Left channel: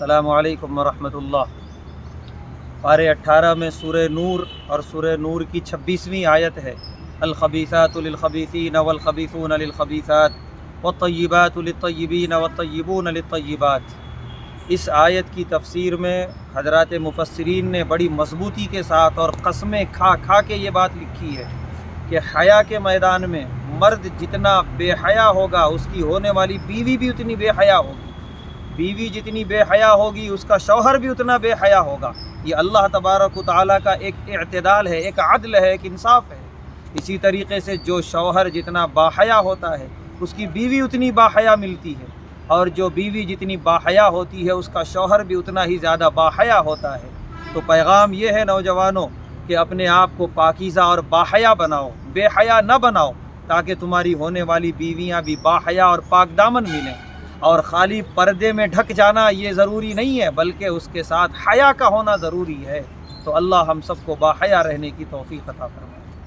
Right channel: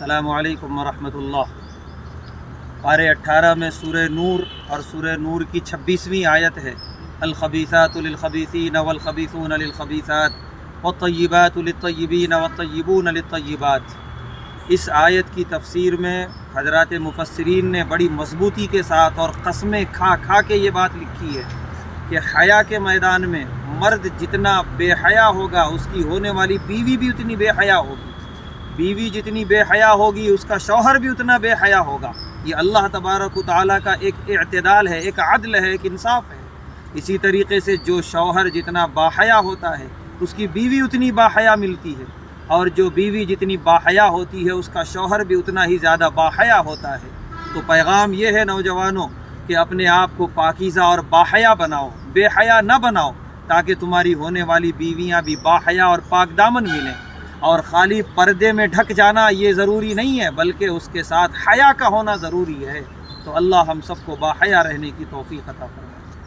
अस्सलामु अलैकुम वरहमतुल्लाह। पारे 18 में सूरह नूर और सूरह नूर की 26वीं आयत है। अल-खबीसातु लिल-खबीसीन वल-खबीसून लिल-खबीसात वत-तय्यिबातु लित-तय्यिबीन वत-तय्यिबून लित-तय्यिबात। इस आयत की तफसीर में हज़रात मुफस्सिरीन ने बड़ी मजबूती के साथ और कसमें खा खा के ये बात लिखी है कि हया के मैदान में मर्द जितना बेहया होगा उसकी होने वाली बीवी भी उतनी बेहया होगी, बीवी जितनी बेहया होगी उसका शौहर भी उतना बेहया होगा। ये अल्लाह तबारक व तआला का एक इत्तेदाल है, एक अदल है, एक इंसाफ है। इसी तरीके से जो शौहर जितना बाहया होता है उसकी बीवी उतनी बाहया मिलती है, और जो बीवी जितनी बाहया होती है उसका शौहर भी उतना ही ज़्यादा बाहया होता है। तो पैगाम ये है नौजवानों कि अपने आप को पाकीज़ा और बाहया बनाओ, बेहया न बनाओ, ताकि तुम्हारी होने वाली बीवियाँ भी बाहया और पाक दामन मिलें। और ख़ाली पर्दे में ढक जाना ये ज़रूरी नहीं है, बल्कि उसके साथ हया का होना ज़रूरी है। तो अल्लाह हम सबको बाहया रहने की तौफ़ीक़ अता फरमाए।